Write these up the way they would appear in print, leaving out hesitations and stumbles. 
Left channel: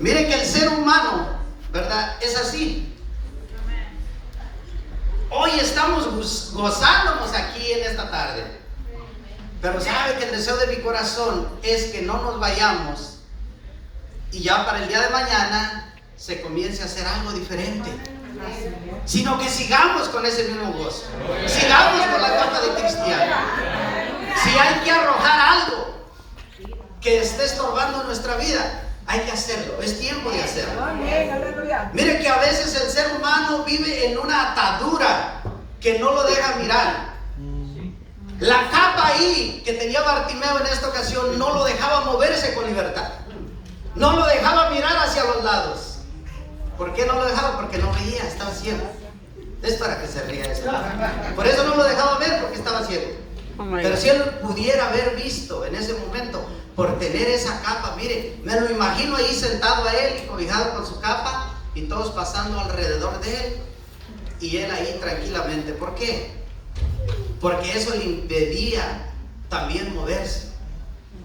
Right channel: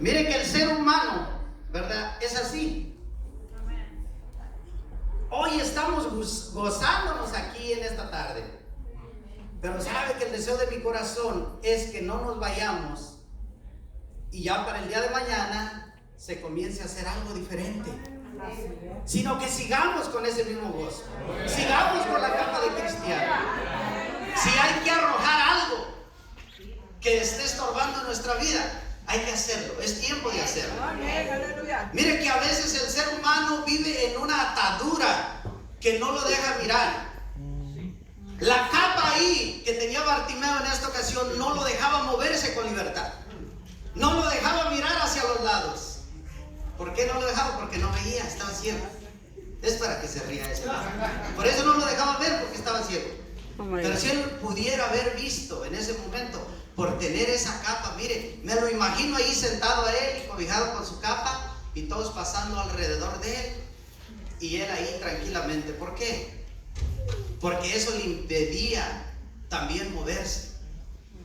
Mire que el ser humano, ¿verdad?, es así. Hoy estamos gozándonos aquí en esta tarde. Pero sabe que el deseo de mi corazón es que no nos vayamos y ya para el día de mañana se comience a hacer algo diferente, sino que sigamos con ese mismo gozo, sigamos con la capa de cristiano. Si hay que arrojar algo que esté estorbando nuestra vida, hay que hacerlo, es tiempo de hacerlo. Mire que a veces el ser humano vive en una atadura que no lo deja mirar. La capa ahí que tenía Bartimeo en esta ocasión no lo dejaba moverse con libertad, no lo dejaba mirar hacia los lados. ¿Por qué no lo dejaba? Porque no veía, estaba ciego. Es para que se ría eso. Por eso no lo dejaba ver, porque estaba ciego. Pero si él pudiera haber visto en ese momento, por tener esa capa, mire, me lo imagino ahí sentado a él y cobijado con su capa y todos pasando alrededor de él y él ahí tranquilamente. ¿Por qué? Porque eso le impedía también moverse.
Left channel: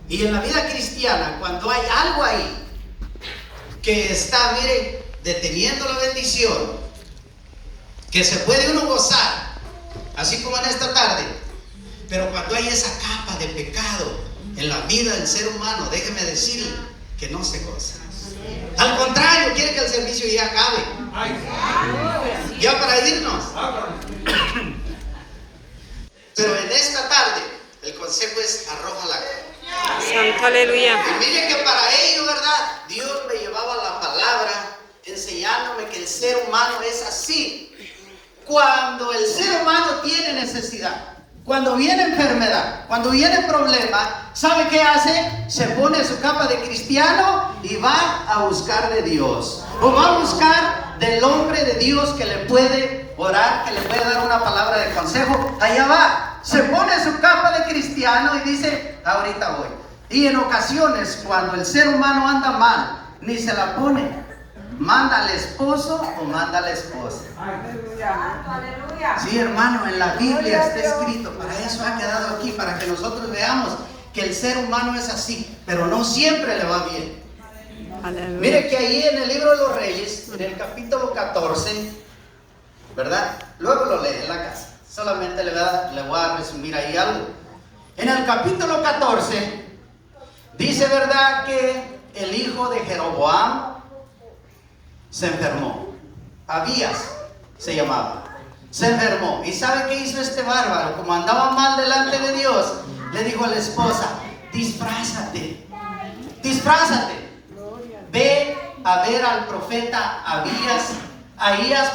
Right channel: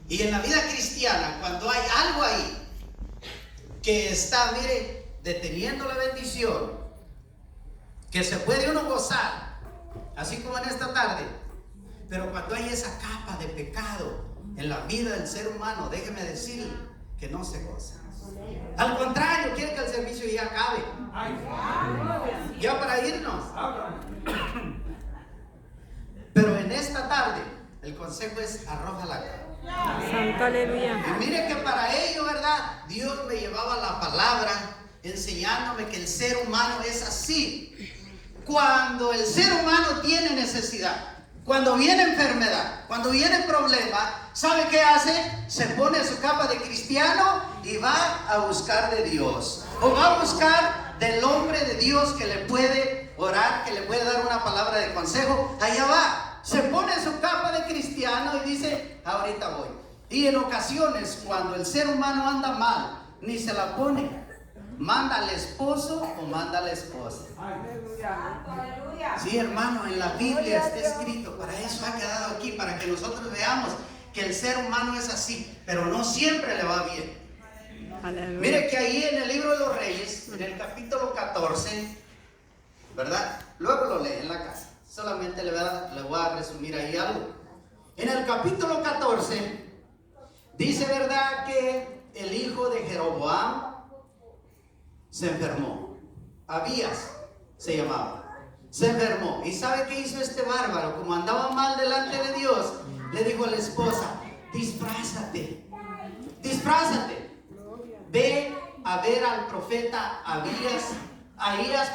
Y en la vida cristiana, cuando hay algo ahí que está, mire, deteniendo la bendición, que se puede uno gozar, así como en esta tarde, pero cuando hay esa capa de pecado en la vida del ser humano, déjeme decirle que no se goza. Al contrario, quiere que el servicio ya acabe, ya para irnos. Pero en esta tarde el consejo es: arroja la capa. Santo aleluya. Y mire que para ello, ¿verdad?, Dios me llevaba la palabra enseñándome que el ser humano es así. Cuando el ser humano tiene necesidad, cuando viene enfermedad, cuando viene problema, ¿sabe qué hace? Se pone su capa de cristiano y va a buscar de Dios, o va a buscar del hombre de Dios que le puede orar, que le puede dar una palabra de consejo. Allá va, se pone su capa de cristiano y dice: ahorita voy. Y en ocasiones, cuando el ser humano anda mal, ni se la pone, manda al esposo o manda a la esposa. Sí, hermano, en la Biblia está escrito, para eso ha quedado aquí, para que nosotros veamos que el ser humano es así, pero no siempre le va bien. Aleluya. Mire que ahí en el libro de los Reyes, en el capítulo 14, ¿verdad? Luego lo lee en la casa, solamente le voy a resumir ahí algo. En el capítulo 14 dice, ¿verdad?, que el hijo de Jeroboam se enfermó. Abías se llamaba. Se enfermó. ¿Y sabe qué hizo este bárbaro? Como andaba mal delante de Dios, le dijo a la esposa: disfrázate, disfrázate. Ve a ver al profeta Ahías,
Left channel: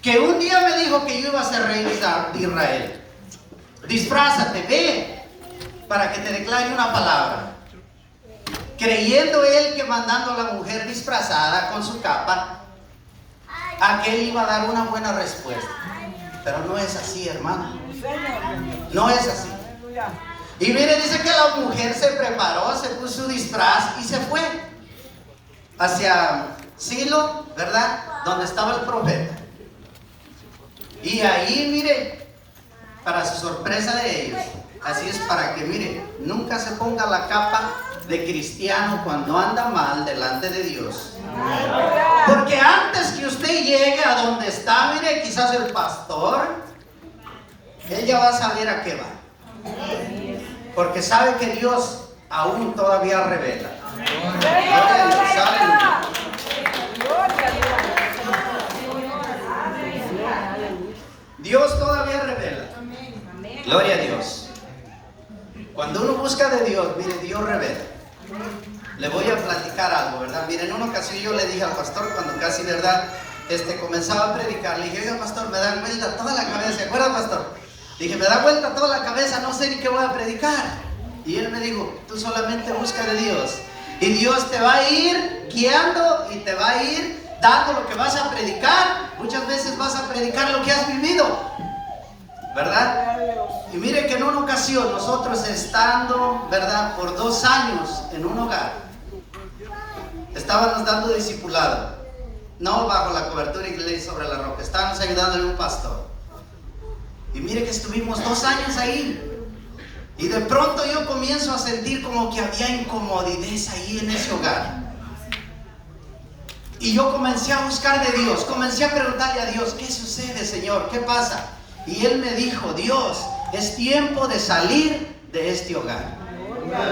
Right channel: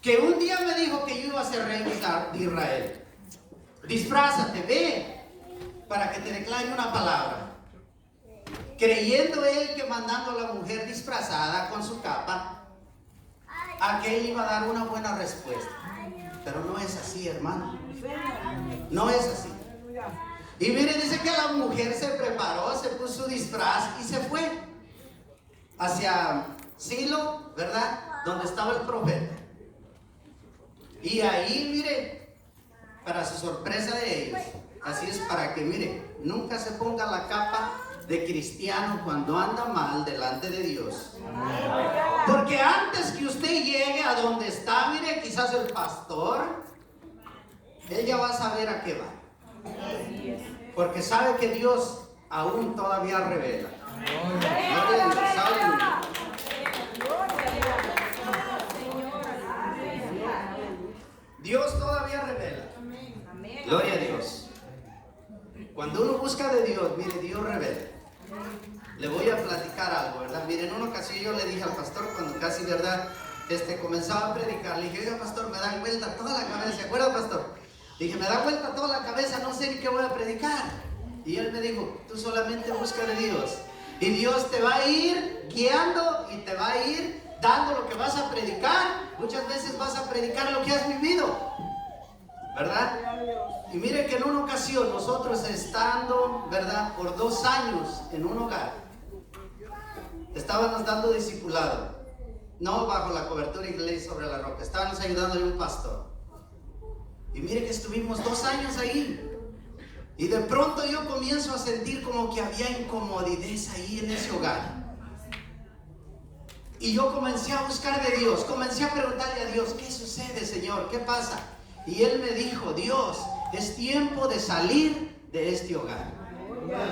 que un día me dijo que yo iba a ser rey de Israel. Disfrázate, ve, para que te declare una palabra. Creyendo él que mandando a la mujer disfrazada con su capa, aquel iba a dar una buena respuesta. Pero no es así, hermano. No es así. Y mire, dice que la mujer se preparó, se puso su disfraz y se fue hacia Silo, ¿verdad?, donde estaba el profeta. Y ahí, mire, para su sorpresa de ellos, así es, para que, mire, nunca se ponga la capa de cristiano cuando anda mal delante de Dios. Porque antes que usted llegue a donde está, mire, quizás el pastor, él ya va a saber a qué va. Porque sabe que Dios aún todavía revela. Gloria a Dios, aleluya. Dios todavía revela. Gloria a Dios. Cuando uno busca de Dios, mire, Dios revela. Le voy a platicar algo, ¿verdad? Mire, en una ocasión yo le dije al pastor, cuando casi, ¿verdad?, comenzaba a predicar, le dije: oiga, pastor, me da vuelta toda la cabeza. ¿Se acuerda, pastor? Dije: me da vuelta toda la cabeza, no sé ni qué voy a predicar. Y él me dijo: tú solamente busca de Dios, y Dios te va a ir guiando y te va a ir dando lo que vas a predicar. Muchas veces vas a predicar lo que has vivido, ¿verdad? Y mire que en una ocasión nosotros, estando, ¿verdad?, por 2 años en un hogar, estábamos dando discipulado, no bajo la cobertura inglesa sobre la roca, estábamos ayudándole a un pastor. Y mire que estuvimos 2 años ahí. Y de pronto yo comienzo a sentir como que había incomodidad ahí en ese hogar. Y yo comencé a buscar de Dios, comencé a preguntarle a Dios, ¿qué sucede, Señor? ¿Qué pasa? Y Él me dijo, Dios, es tiempo de salir de este hogar,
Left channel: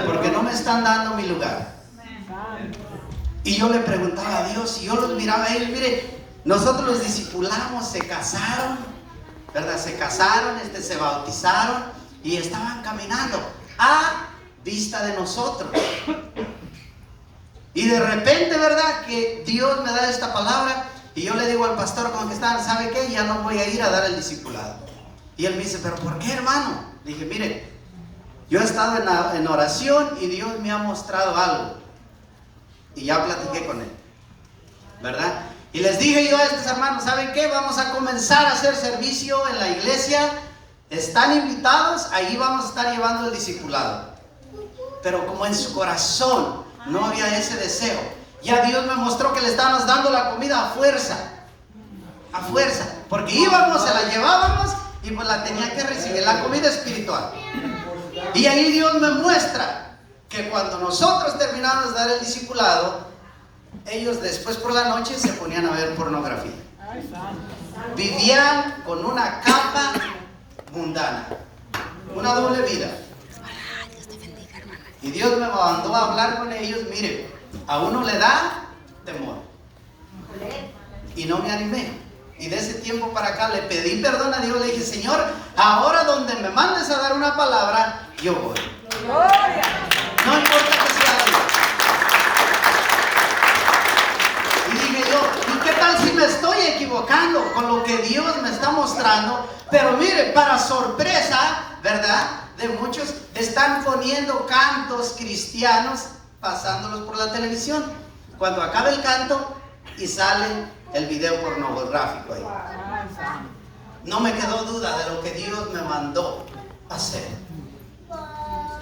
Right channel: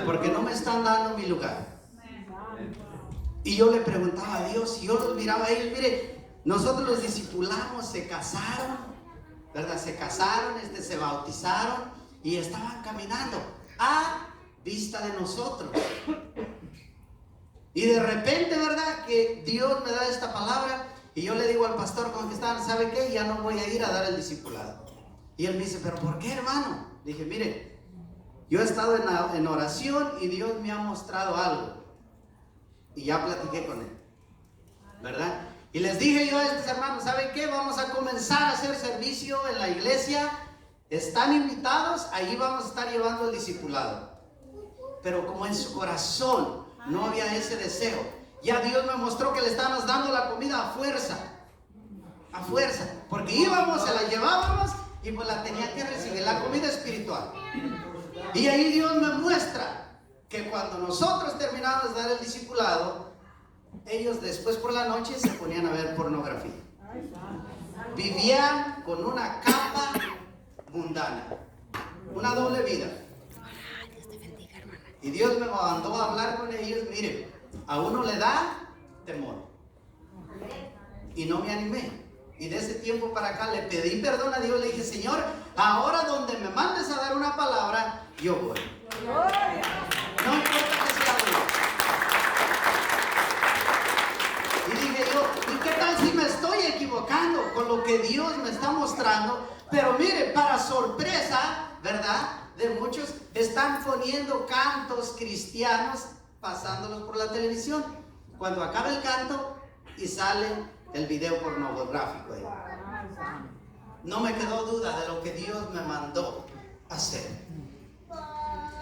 porque no me están dando mi lugar. Y yo le preguntaba a Dios, y yo los miraba a ellos, mire, nosotros los discipulamos, se casaron, ¿verdad? Se casaron, se bautizaron y estaban caminando a vista de nosotros. Y de repente, ¿verdad? Que Dios me da esta palabra y yo le digo al pastor con el que estaban, ¿sabe qué? Ya no voy a ir a dar el discipulado. Y él me dice, ¿pero por qué, hermano? Le dije, mire, yo he estado en oración y Dios me ha mostrado algo. Y ya platiqué con él, ¿verdad? Y les dije yo a estos hermanos, ¿saben qué? Vamos a comenzar a hacer servicio en la iglesia. Están invitados, ahí vamos a estar llevando el discipulado. Pero como en su corazón no había ese deseo, ya Dios me mostró que le estábamos dando la comida a fuerza, porque íbamos, se la llevábamos y pues la tenía que recibir, la comida espiritual. Y ahí Dios me muestra que cuando nosotros terminamos de dar el discipulado, ellos después por la noche se ponían a ver pornografía. Vivían con una capa mundana, una doble vida. Y Dios me mandó a hablar con ellos. Mire, a uno le da temor. Y no me animé. Y de ese tiempo para acá le pedí perdón a Dios. Le dije, Señor, ahora donde me mandes a dar una palabra, yo voy. No importa que sea Dios. Y dije yo, ¿y qué tal si me estoy equivocando con lo que Dios me está mostrando? Pero mire, para sorpresa, ¿verdad?, de muchos, están poniendo cantos cristianos, pasándolos por la televisión. Cuando acaba el canto y sale el video pornográfico ahí. No me quedó duda de lo que Dios me mandó hacer.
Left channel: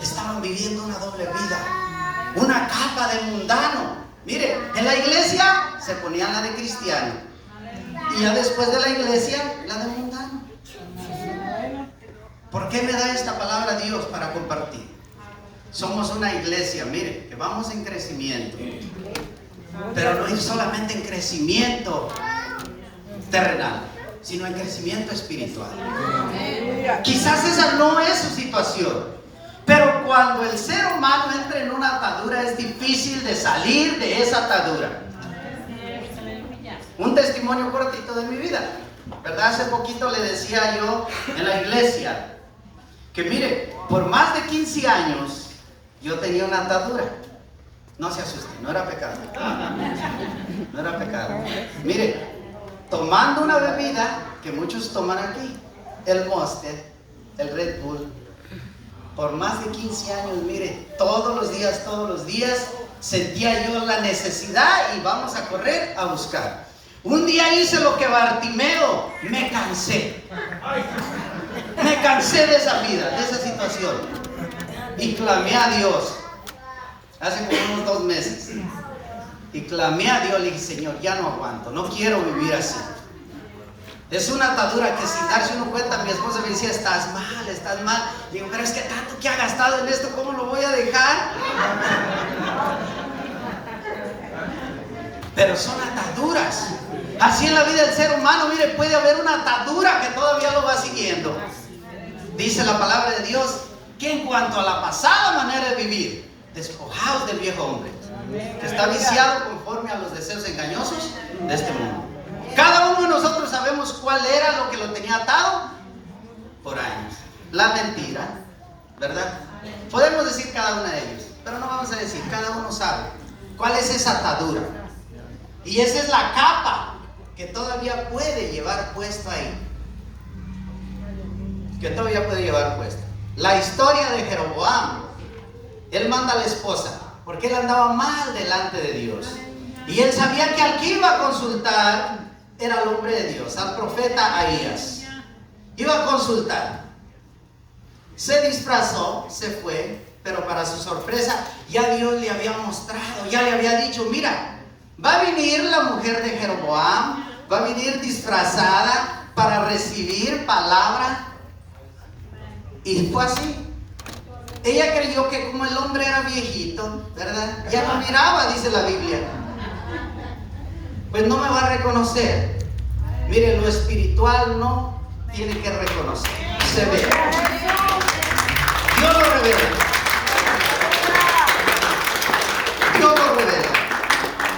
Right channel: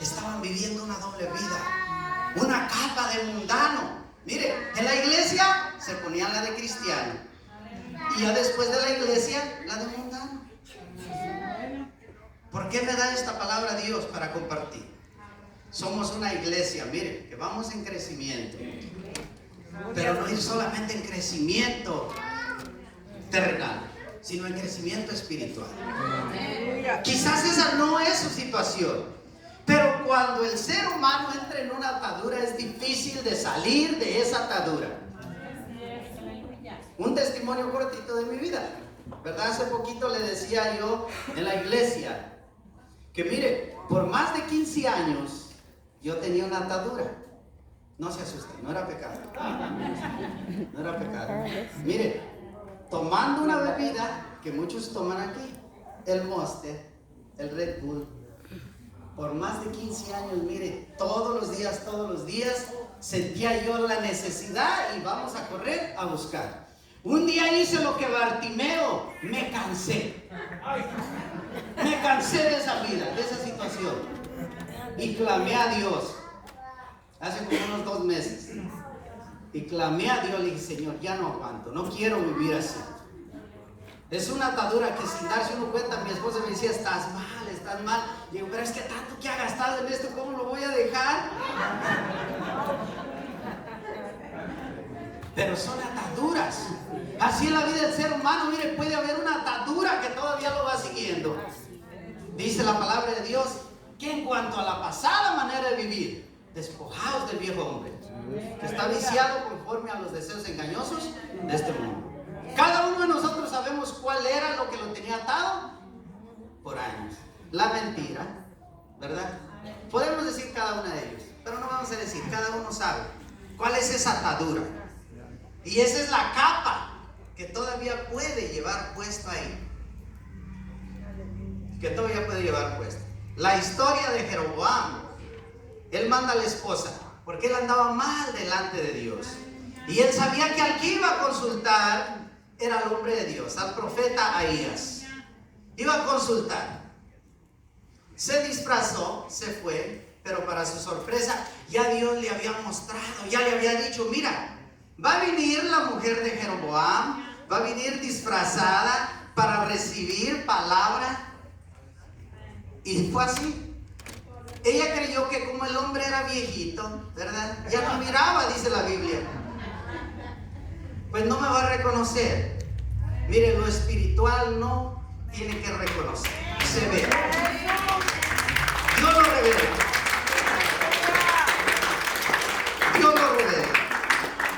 Estaban viviendo una doble vida, una capa de mundano. Mire, en la iglesia se ponían la de cristiano y ya después de la iglesia la de mundano. ¿Por qué me da esta palabra Dios para compartir? Somos una iglesia, mire, que vamos en crecimiento, pero no es solamente en crecimiento terrenal, sino en crecimiento espiritual. Quizás esa no es su situación, pero cuando el ser humano entra en una atadura es difícil de salir de esa atadura. Un testimonio cortito de mi vida, ¿verdad? Hace poquito le decía yo en la iglesia que mire, por más de 15 años yo tenía una atadura. No se asuste, no era pecado. No era pecado. Mire, tomando una bebida que muchos toman aquí, el Monster, el Red Bull, por más de 15 años, mire, todos los días sentía yo la necesidad y vamos a correr a buscar. Un día hice lo que Bartimeo, me cansé. Me cansé de esa vida, de esa situación. Y clamé a Dios. Hace como unos 2 meses. Y clamé a Dios, le dije, Señor, ya no aguanto, no quiero vivir así. Es una atadura que sin darse uno cuenta, mi esposa me decía, estás mal. Digo, pero es que tanto que ha gastado en esto, ¿cómo lo voy a dejar? Pero son ataduras. Así en la vida del ser humano, mire, puede haber una atadura que todavía lo va siguiendo. Dice la palabra de Dios que en cuanto a la pasada manera de vivir, despojaos del viejo hombre, que está viciado conforme a los deseos engañosos de este mundo. Cada uno de nosotros sabemos cuál era lo que lo tenía atado por años. La mentira, ¿verdad? Podemos decir cada uno de ellos, pero no vamos a decir, cada uno sabe cuál es esa atadura. Y esa es la capa que todavía puede llevar puesta ahí. Que todavía puede llevar puesta. La historia de Jeroboam. Él manda a la esposa, porque él andaba mal delante de Dios. Y él sabía que al que iba a consultar era el hombre de Dios, al profeta Ahías. Iba a consultar. Se disfrazó, se fue, pero para su sorpresa, ya Dios le había mostrado, ya le había dicho, mira, va a venir la mujer de Jeroboam, va a venir disfrazada para recibir palabra. Y fue así. Ella creyó que como el hombre era viejito, ¿verdad? Ya no miraba, dice la Biblia. pues no me va a reconocer. Mire, lo espiritual no tiene que reconocer, se ve. Dios lo revela. Dios lo revela.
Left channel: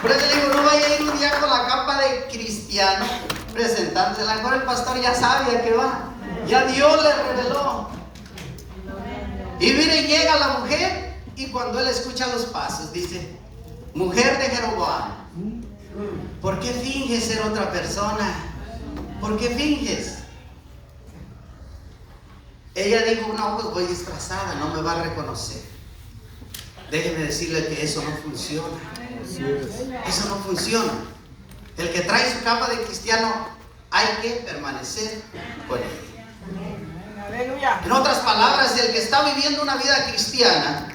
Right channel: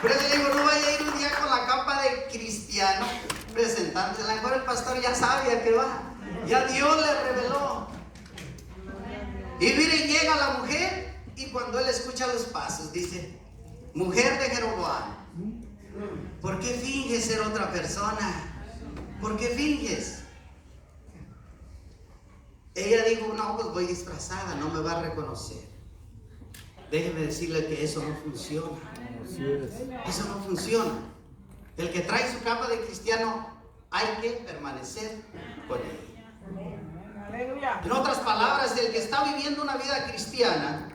Por eso le digo, no vaya a ir un día con la capa de cristiano presentándose. A lo mejor el pastor ya sabe a qué va. Ya Dios le reveló. Y mire, llega la mujer y cuando él escucha los pasos dice: mujer de Jeroboam, ¿por qué finges ser otra persona? ¿Por qué finges? Ella dijo: no, pues voy disfrazada, no me va a reconocer. Déjeme decirle que eso no funciona. Eso no funciona. El que trae su capa de cristiano, hay que permanecer con él. En otras palabras, el que está viviendo una vida cristiana,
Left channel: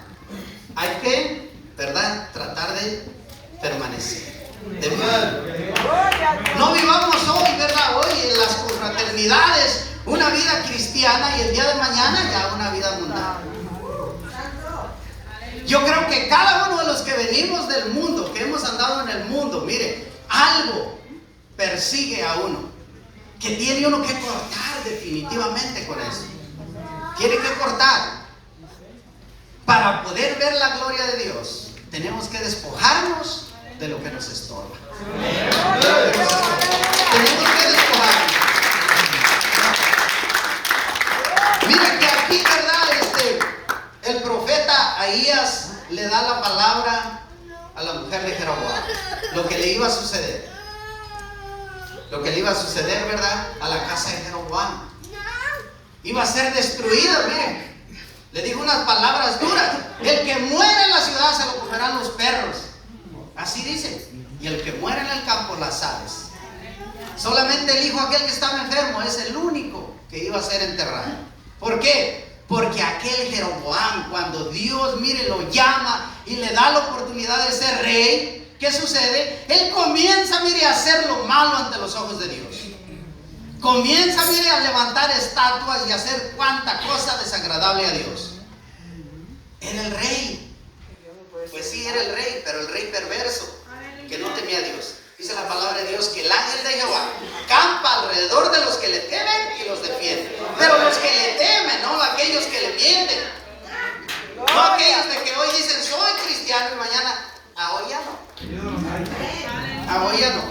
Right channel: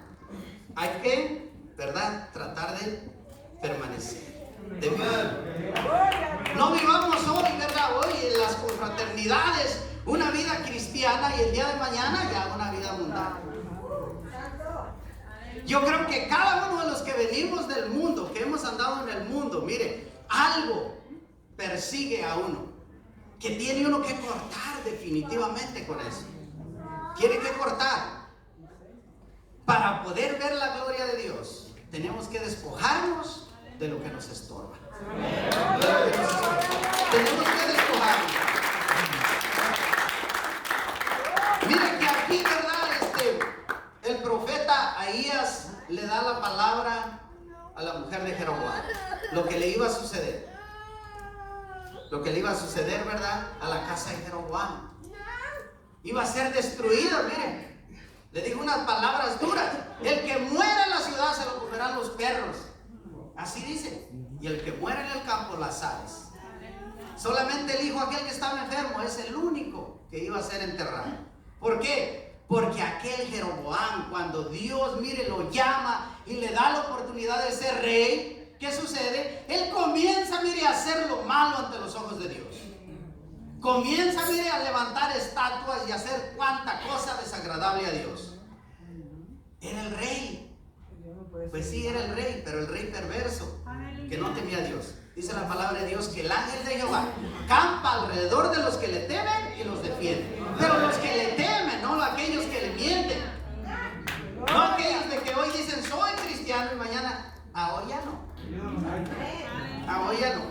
hay que, ¿verdad?, tratar de permanecer. De vivir. No vivamos hoy, ¿verdad?, hoy en las confraternidades una vida cristiana y el día de mañana ya una vida mundana. Yo creo que cada uno de los que venimos del mundo, que hemos andado en el mundo, mire, algo persigue a uno, que tiene uno que cortar definitivamente con eso. Tiene que cortar. Para poder ver la gloria de Dios, tenemos que despojarnos de lo que nos estorba. Tenemos que despojarnos. Mira que aquí, ¿verdad? El profeta Ahías le da la palabra a la mujer de Jeroboam, lo que le iba a suceder. Lo que le iba a suceder, ¿verdad?, a la casa de Jeroboam. Iba a ser destruida, miren. Le dijo unas palabras duras: el que muere en la ciudad se lo comerán los perros. Así dice. Y el que muere en el campo, las aves. Solamente el hijo aquel que estaba enfermo es el único que iba a ser enterrado. ¿Por qué? Porque aquel Jeroboam, cuando Dios, mire, lo llama y le da la oportunidad de ser rey, ¿qué sucede? Él comienza, mire, a hacer lo malo ante los ojos de Dios. Comienza, mire, a levantar estatuas y a hacer cuanta cosa desagradable a Dios. Era el rey. Pues sí, era el rey, pero el rey perverso, que no temía a Dios. Dice la palabra de Dios que el ángel de Jehová campa alrededor de los que le temen y los defiende. Pero los que le temen, no aquellos que le mienten. No aquellos de que hoy dicen soy cristiano y mañana, hoy ya no. Hoy ya no.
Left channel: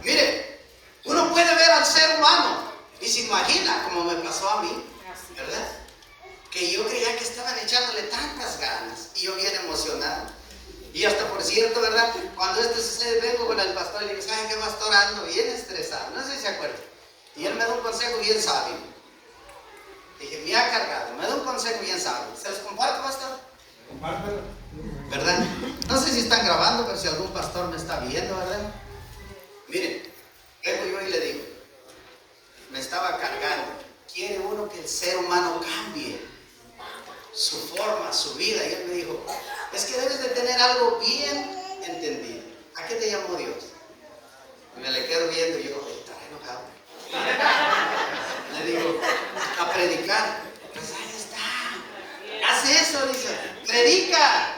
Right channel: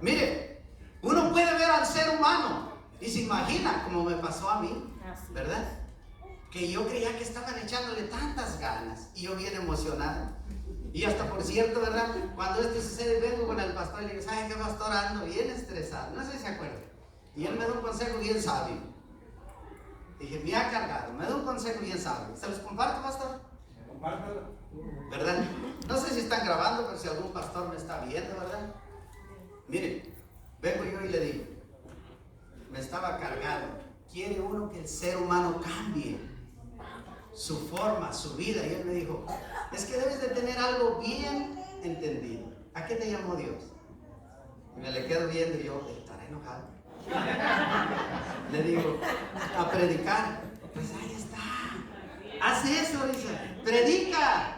Mire, uno puede ver al ser humano y se imagina, como me pasó a mí, ¿verdad?, que yo creía que estaban echándole tantas ganas y yo bien emocionado. Y hasta, por cierto, ¿verdad?, cuando esto sucede, vengo con el pastor y le digo: ¿sabe qué, pastor? Ando bien estresado. No sé si se acuerdan. Y él me da un consejo bien sabio. Dije: me ha cargado, me da un consejo bien sabio. ¿Se los comparto, pastor? Compártelo. ¿Verdad? No sé si están grabando, pero si algún pastor me está viendo, ¿verdad? Miren, vengo yo y le digo: me estaba cargando. Quiere uno que el ser humano cambie su forma, su vida. Y él me dijo: es que debes de tener algo bien entendido. ¿A qué te llamó Dios? Y me le quedo viendo y yo: estará enojado. Le digo: a predicar. Pues ahí está. Haz eso, dice. Predica.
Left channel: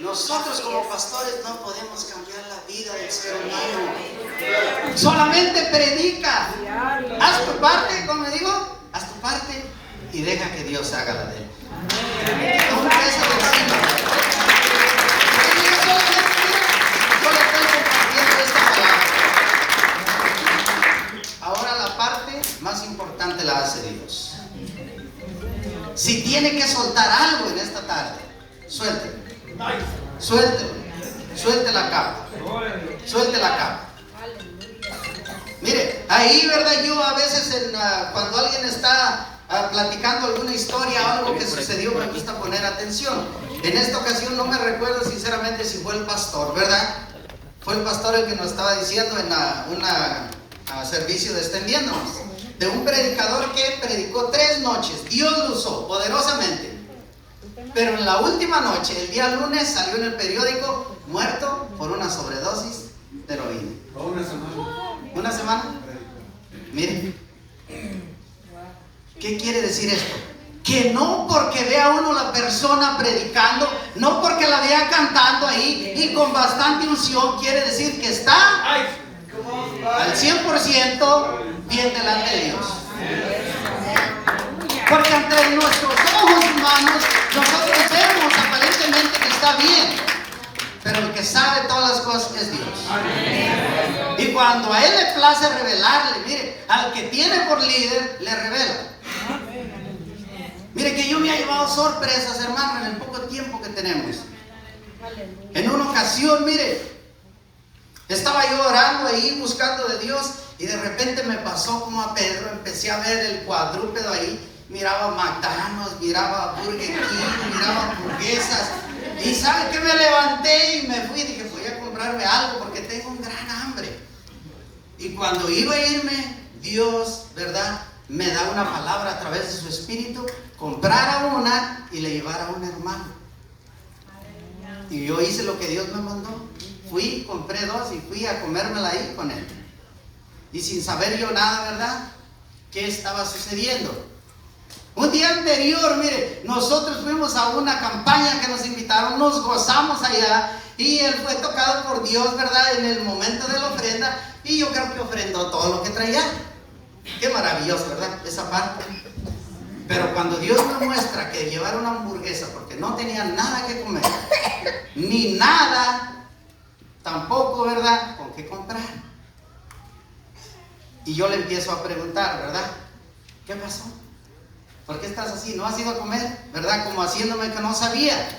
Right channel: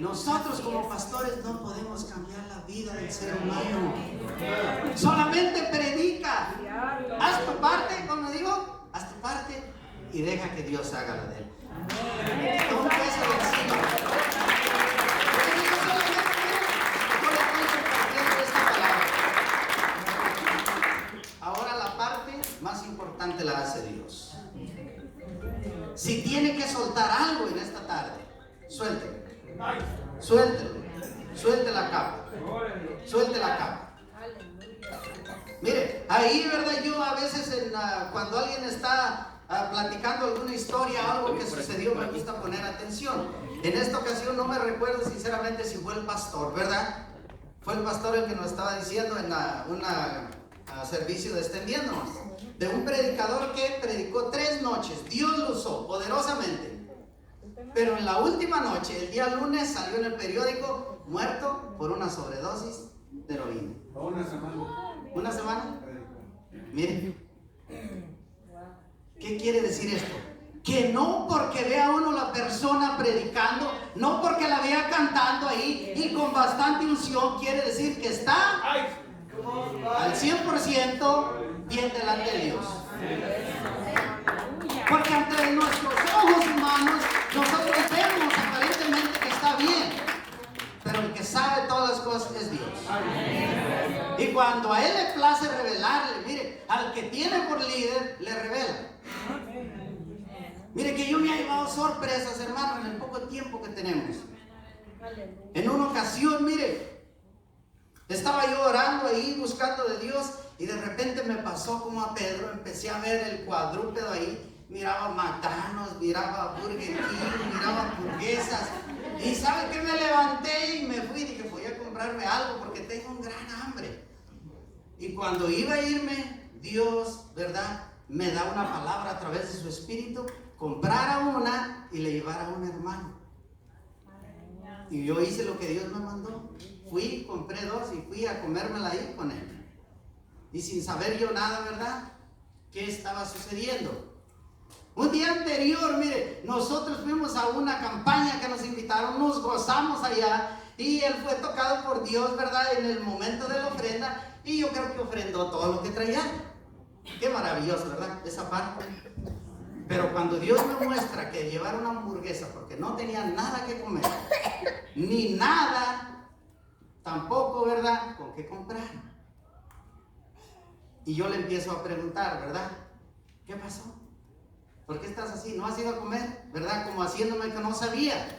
Nosotros como pastores no podemos cambiar la vida del ser humano. Solamente predica. Haz tu parte, como me digo, haz tu parte y deja que Dios haga la de él. No me des el encima. Yo le estoy compartiendo esta palabra. Ahora la parte más importante la hace Dios. Si tiene que soltar algo en esta tarde, suéltelo. Suéltelo. Suelte la capa. Suelte la capa. Mire, ahí, ¿verdad? Yo a veces cuando alguien está platicando alguna historia o algo que sucedió, me gusta poner atención. En esta ocasión no me recuerdo sinceramente si fue el pastor, ¿verdad? Fue el pastor el que nos estaba diciendo en un servicio de Extendiéndonos, de un predicador que predicó 3 noches. Dios lo usó poderosamente. Pero en la última noche, el día lunes, salió en el periódico: muerto por una sobredosis de heroína. ¿Una semana? Miren, ¿qué quiere decir esto? que no porque vea uno la persona predicando, no porque la vea cantando ahí y con bastante unción, quiere decir que está al 100% bien delante de Dios. Porque ante nuestros ojos humanos nosotros vemos aparentemente que está bien, pero el que sabe todas las cosas es Dios. Y cuando a Él le place revelarle, mire, al que tiene por líder le revela. Mire que yo me he llevado sorpresas, hermano, en el poco tiempo que tenemos. En una ocasión, mire, estaba yo orando ahí, buscando de Dios, y de repente me pasó como a Pedro. Empecé a ver el cuadrúpedo ahí, miraba McDonald's, miraba Burger King, miraba hamburguesas. Y ¿sabe qué? Me levanté y me fui y dije, voy a comprarme algo porque tengo un gran hambre. Y cuando iba a irme, Dios, ¿verdad?, me da una palabra a través de su espíritu, comprara una y le llevara a un hermano. Y yo hice lo que Dios me mandó. Fui, compré 2 y fui a comérmela ahí con él. Y sin saber yo nada, ¿verdad?, qué estaba sucediendo. Un día anterior, mire, nosotros fuimos a una campaña que nos invitaron, nos gozamos allá y él fue tocado por Dios, ¿verdad?, en el momento de la ofrenda, y yo creo que ofrendó todo lo que traía. Qué maravilloso, ¿verdad?, esa parte. Pero cuando Dios me muestra que llevar una hamburguesa porque no tenía nada que comer, ni nada, tampoco, ¿verdad?, con qué comprar. Y yo le empiezo a preguntar, ¿verdad?, ¿qué pasó? ¿Por qué estás así? ¿No has ido a comer? ¿Verdad? Como haciéndome que no sabía.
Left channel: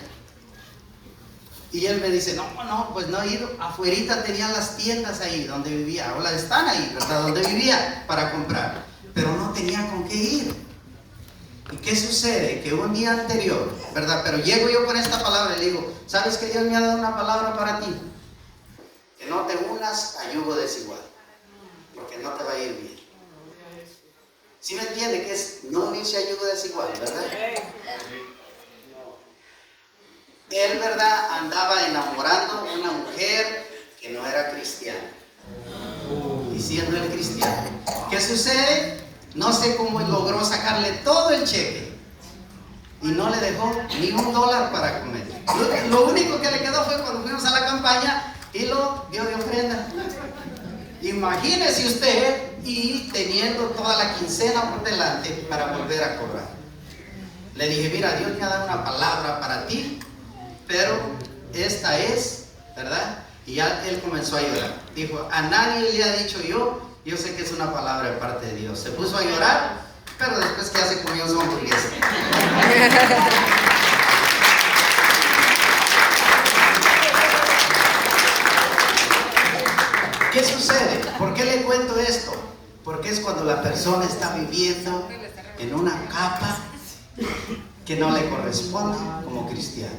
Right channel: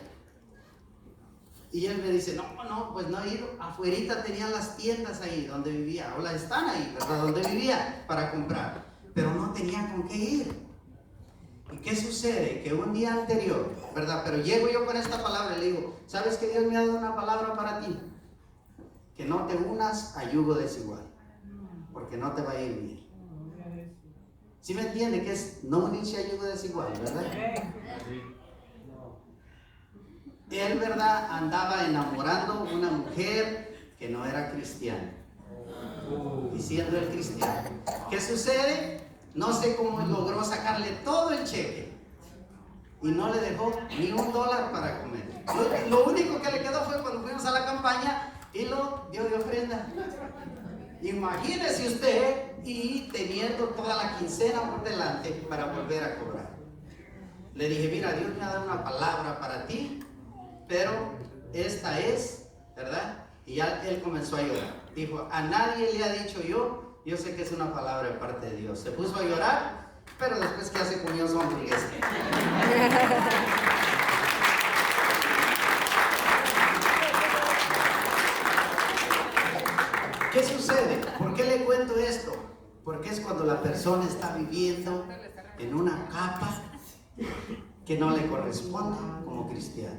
Y él me dice, no, pues no he ido. Afuerita tenían las tiendas ahí donde vivía, o las están ahí, ¿verdad?, donde vivía para comprar. Pero no tenía con qué ir. ¿Y qué sucede? Que un día anterior, ¿verdad?, pero llego yo con esta palabra y le digo, ¿sabes que Dios me ha dado una palabra para ti? Que no te unas a yugo desigual, porque no te va a ir bien. ¿Sí me entiende que es no unirse a yugo desigual, verdad? Él, ¿verdad?, andaba enamorando a una mujer que no era cristiana. Y siendo él cristiano, ¿qué sucede? No sé cómo logró sacarle todo el cheque y no le dejó ni $1 para comer. Lo único que le quedó fue cuando fuimos a la campaña y lo dio de ofrenda. Imagínese usted, y teniendo toda la quincena por delante para volver a cobrar. Le dije, mira, Dios me ha dado una palabra para ti, pero esta es, ¿verdad? Y ya él comenzó a llorar. Dijo, a nadie le ha dicho yo sé que es una palabra de parte de Dios. Se puso a llorar, pero después que ya se comió su hamburguesa. ¿Qué sucede? ¿Por qué le cuento esto? Porque es cuando la persona está viviendo en una capa que no le corresponde como cristiano.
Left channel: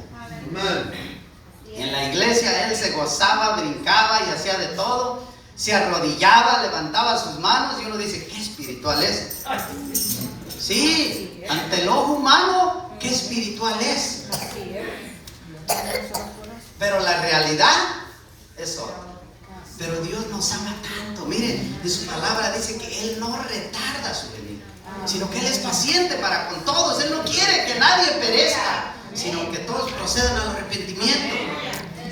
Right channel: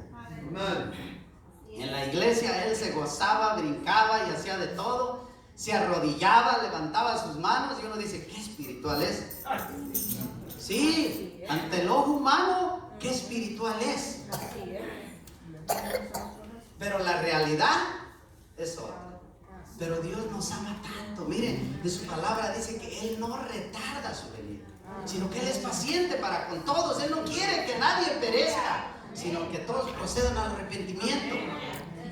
En la iglesia él se gozaba, brincaba y hacía de todo, se arrodillaba, levantaba sus manos y uno dice, ¿qué espiritual es? Sí, ante el ojo humano, ¿qué espiritual es? Pero la realidad es otra. Pero Dios nos ama tanto. Miren, en su palabra dice que Él no retarda su venida, sino que Él es paciente para con todos. Él no quiere que nadie perezca, sino que todos procedan al arrepentimiento.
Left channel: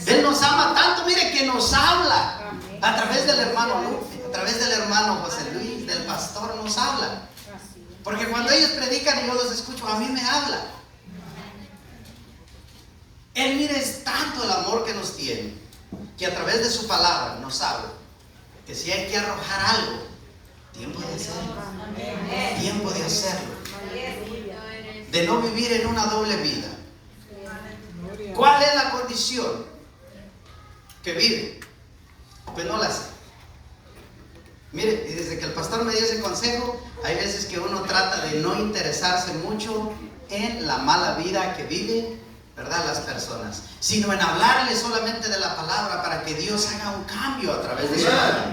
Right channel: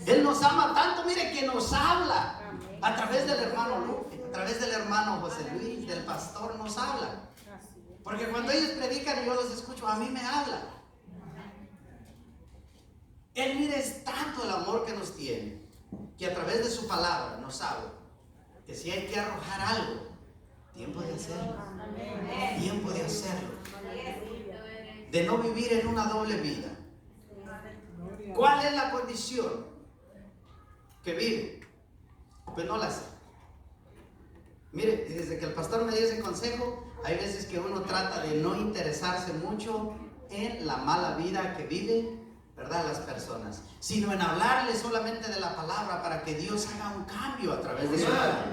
Él nos ama tanto, mire, que nos habla a través del hermano Lupe, a través del hermano José Luis, del pastor, nos habla. Porque cuando ellos predican y yo los escucho, a mí me habla. Él, mire, es tanto el amor que nos tiene, que a través de su palabra nos habla que si hay que arrojar algo, tiempo de hacerlo. Tiempo de hacerlo. De no vivir en una doble vida. ¿Cuál es la condición que vive? Pues no la sé. Mire, y desde que el pastor me dio ese consejo, hay veces que uno trata de no interesarse mucho en la mala vida que vive, ¿verdad?, las personas, sino en hablarle solamente de la palabra para que Dios haga un cambio a través de su palabra.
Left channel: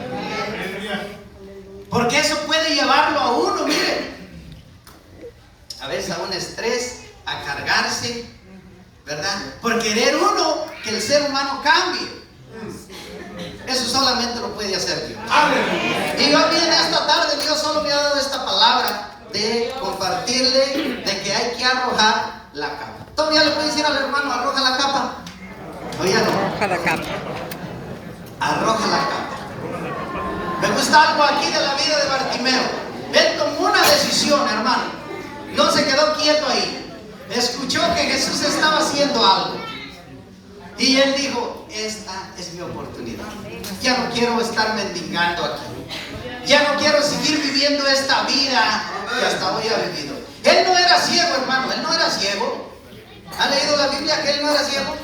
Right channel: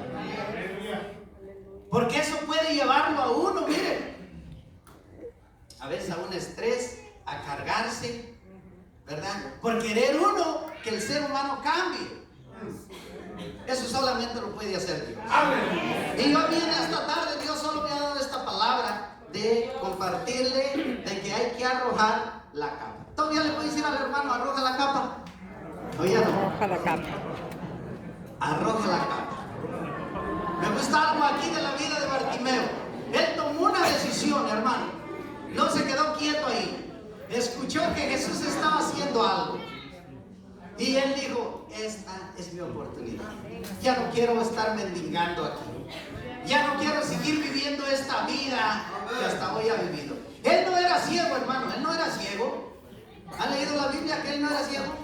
Porque eso puede llevarlo a uno, mire, a veces a un estrés, a cargarse, ¿verdad?, por querer uno que el ser humano cambie. Eso solamente lo puede hacer Dios. Y yo vine esta tarde, Dios solo me ha dado esta palabra de compartirle de que hay que arrojar la capa. ¿Todavía le puede decir al hermano, arroja la capa? ¿O ya no? Arroja la capa. Arroja la capa. Me gusta algo aquí de la vida de Bartimeo. Él tomó una decisión, hermano. No se quedó quieto ahí. Escuchó que Jesús estaba haciendo algo. Y él dijo, esta es mi oportunidad. Ya no quiero estar mendigando aquí. Ya no quiero seguir viviendo esta vida que hasta hoy ha vivido. Él no era ciego, hermano. Él no era ciego. ¿Ha leído la Biblia que él no era ciego?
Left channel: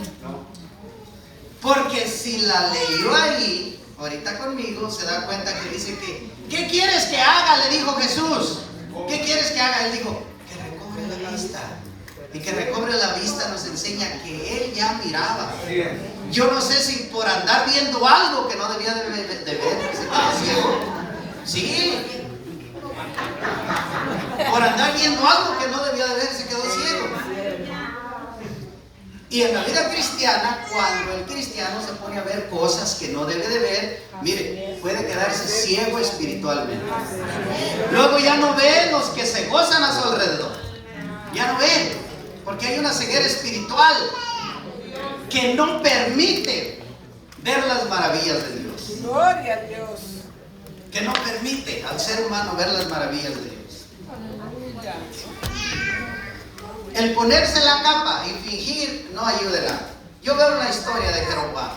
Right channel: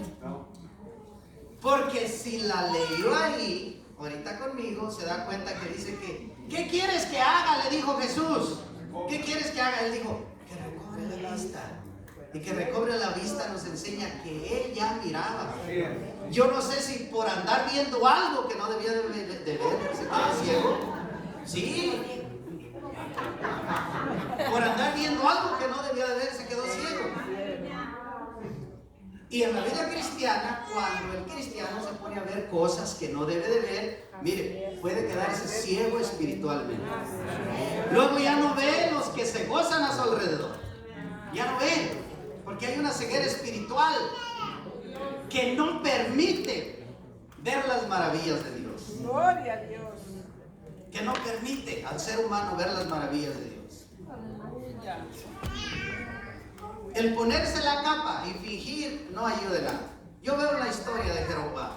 Porque si la leyó ahí, ahorita conmigo, se da cuenta que dice que, ¿qué quieres que haga? Le dijo Jesús. ¿Qué quieres que haga? Él dijo, que recobre la vista. Y que recobre la vista nos enseña que él ya miraba. Yo no sé si por andar viendo algo que no debía de ver, se quedó ciego. Sí. Por andar viendo algo que no debía de ver, se quedó ciego. Y en la vida cristiana, cuando el cristiano se pone a ver cosas que no debe de ver, mire, puede quedarse ciego espiritualmente. Luego ya no ve los que se gozan a su alrededor. Ya no ve, porque hay una ceguera espiritual que no permite ver las maravillas de Dios. Gloria a Dios. Que no permite al ser humano ver las maravillas de Dios. El ponerse la capa y fingir no ayudará. Yo veo una historia de Jeroboam.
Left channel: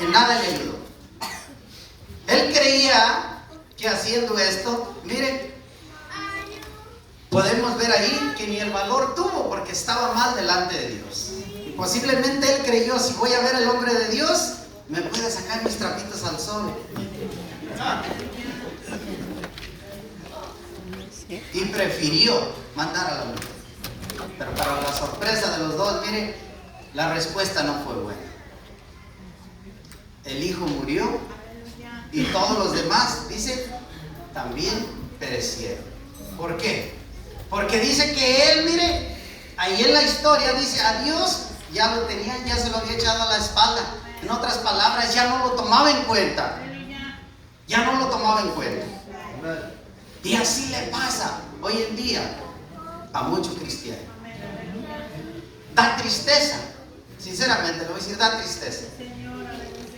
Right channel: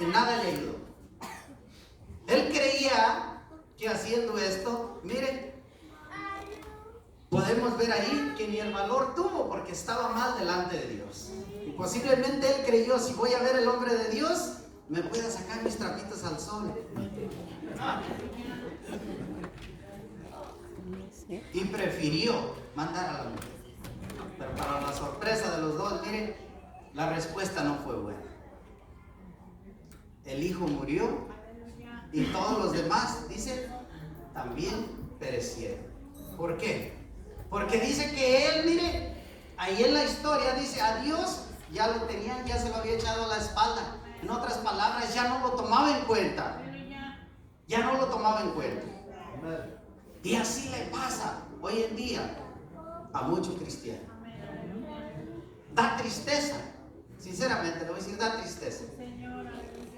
En nada le ayudó. Él creía que haciendo esto, miren, podemos ver ahí que ni el valor tuvo porque estaba mal delante de Dios. Posiblemente él creyó, si voy a ver el hombre de Dios, me puede sacar mis trapitos al sol. Y prefirió mandar a la mujer. Pero para la sorpresa de los dos, miren, la respuesta no fue buena. El hijo murió y todos los demás, dice, también perecieron. ¿Por qué? Porque dice que él, mire, ahí en la historia dice, a Dios ya lo tenía, ya se lo había echado a la espalda. En otras palabras, ya no lo tomaba en cuenta. Ya no lo tomaba en cuenta. Y así le pasa hoy en día a muchos cristianos. Da tristeza, sinceramente, le voy a decir, da tristeza.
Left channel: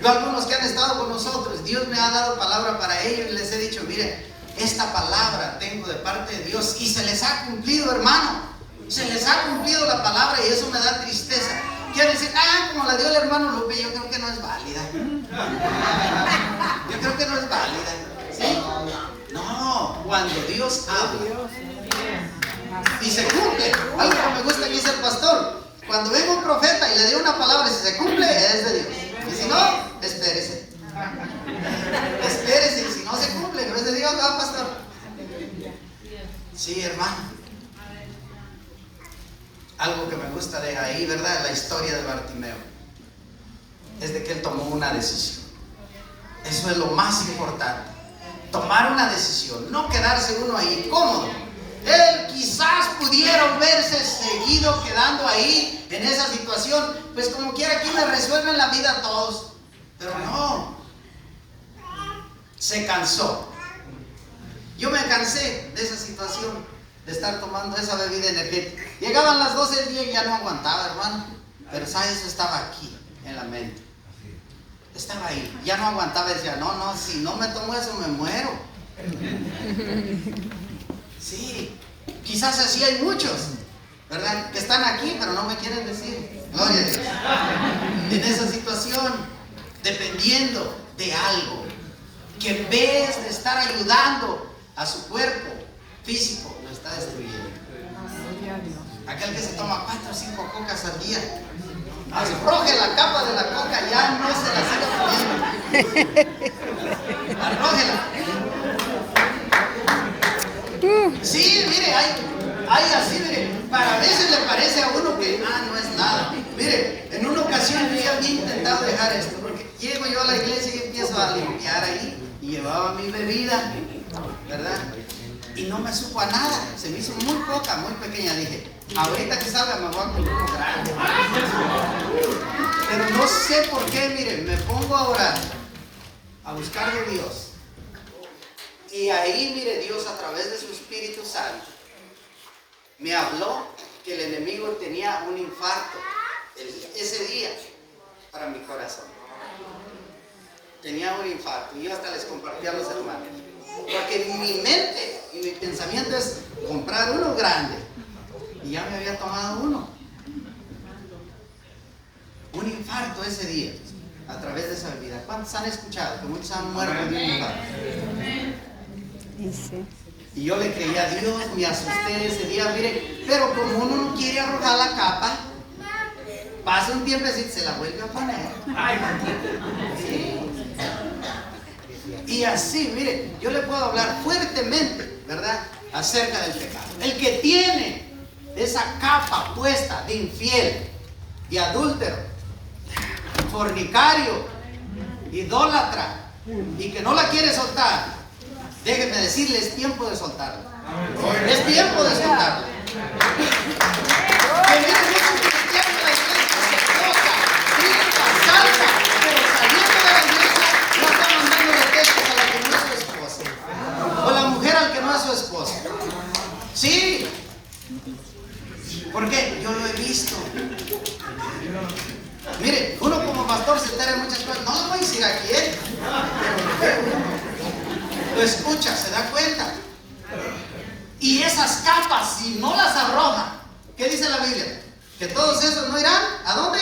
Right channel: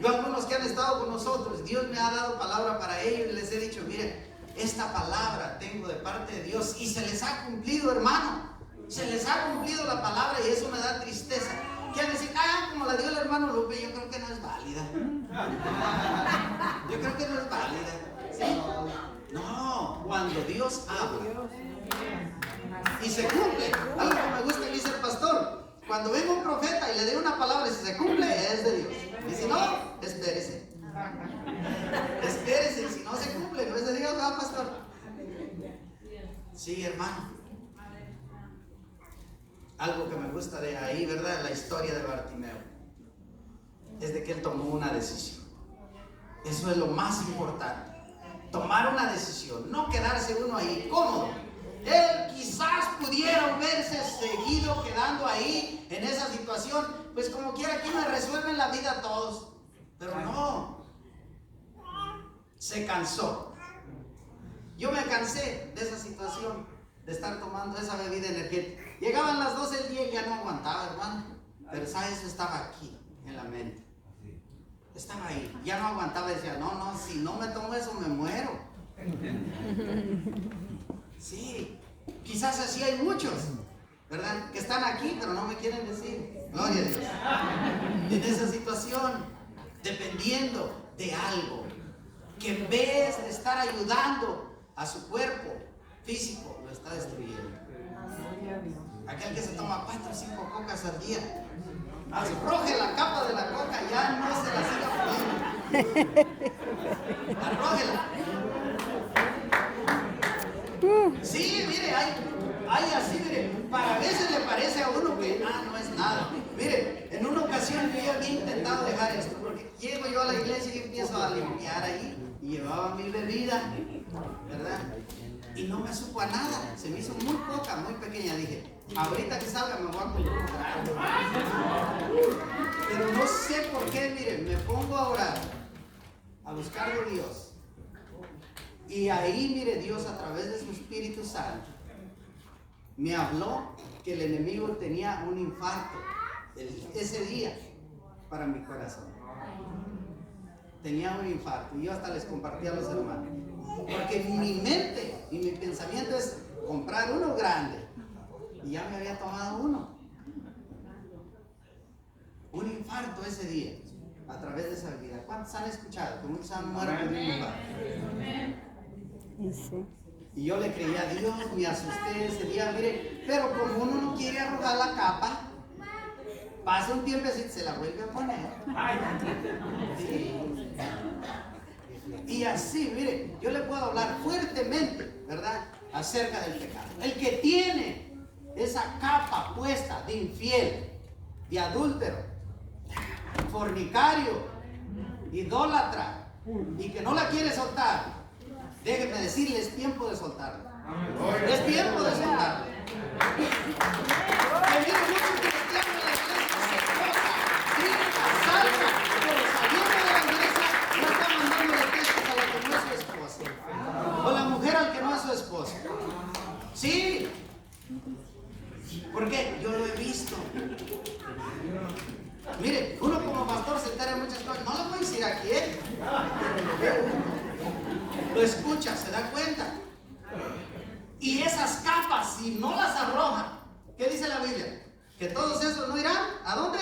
Yo, algunos que han estado con nosotros, Dios me ha dado palabra para ellos y les he dicho, miren, esta palabra tengo de parte de Dios y se les ha cumplido, hermano. Se les ha cumplido la palabra y eso me da tristeza. Quieren decir, como la dio el hermano Lupe, yo creo que no es válida. Yo creo que no es válida. ¿Sí? No, cuando Dios habla y se cumple. Algo que me gusta aquí es el pastor. Cuando venga un profeta y le dé una palabra y si se cumple, es de Dios. Y si no, espérese. Espérese, y si no se cumple, no es de Dios, no, pastor. Sí, hermano. Algo que me gusta de ahí, ¿verdad? La historia de Bartimeo. Es de que él tomó una decisión. Eso es lo más importante. Tomar una decisión, no quedarse uno ahí cómodo. Él quizás pudiera verse seguido quedando ahí en esa situación, pues como quiera aquí me resuelven la vida a todos. Pero no, se cansó. Yo me cansé de esa situación, de estar tomando esa bebida energética. Llegaban las 12 del día y ya no aguantaba, hermano. Pero ¿sabes? Eso estaba aquí, en la mente. Estaba ahí, ya no aguantaba, decía, no, si no me tomo eso me muero. Sí, quizás así hay muchos, ¿verdad? Que están aquí, pero no me quieren decir. Gloria a Dios. En esa situación, dependiendo de algo, que en vez de estar ayudando a su cuerpo físico, lo está destruyendo. Aquel que se toma 4 o 5 cocas al día, arroje la capa de la coca, ya no se la siga poniendo. Arrójela. Sí, mire, hay así, mire, para veces le parece a uno que no es nada. Mire, en una ocasión yo ya había intentado dejar esto, porque llego yo a la iglesia y empiezo a limpiar ahí, y llevaba mi bebida, ¿verdad? Y no me supo a nada, se me hizo muy poca, muy pequeña. Dije, ahorita que salga me voy a comprar uno grande. Pero no sé por qué, mire, me pongo a orar, a buscar de Dios. Y ahí, mire, Dios a través de su Espíritu Santo me habló que el enemigo tenía un infarto ese día para mi corazón. Tenía un infarto y yo hasta les compartí a los hermanos. Porque mi mente y mi pensamiento es comprar uno grande. Y ya me había tomado uno. Un infarto ese día, a través de esa bebida. ¿Cuántos han escuchado que muchos han muerto de un infarto? Y yo le creía a Dios, me asusté ese día, mire, pero como uno no quiere arrojar la capa, pasa un tiempo y se la vuelve a poner. Sí. Y así, mire, yo le puedo hablar fuertemente, ¿verdad?, acerca del pecado. El que tiene esa capa puesta de infiel, de adúltero, fornicario, idólatra, y que no la quiere soltar, déjenme decirle, es tiempo de soltarla. Es tiempo de soltarla. Que miren, muchos cristianos en la iglesia se goza, grita, salta, pero saliendo de la iglesia no está mandando textos a la que no es su esposa, o la mujer al que no es su esposa. Sí, porque yo lo he visto. Mire, uno como pastor se entera de muchas cosas. No lo voy a decir aquí, lo escucha, se da cuenta. Y esas capas, si no las arroja, ¿qué dice la Biblia? Que todos esos no irán, ¿a dónde?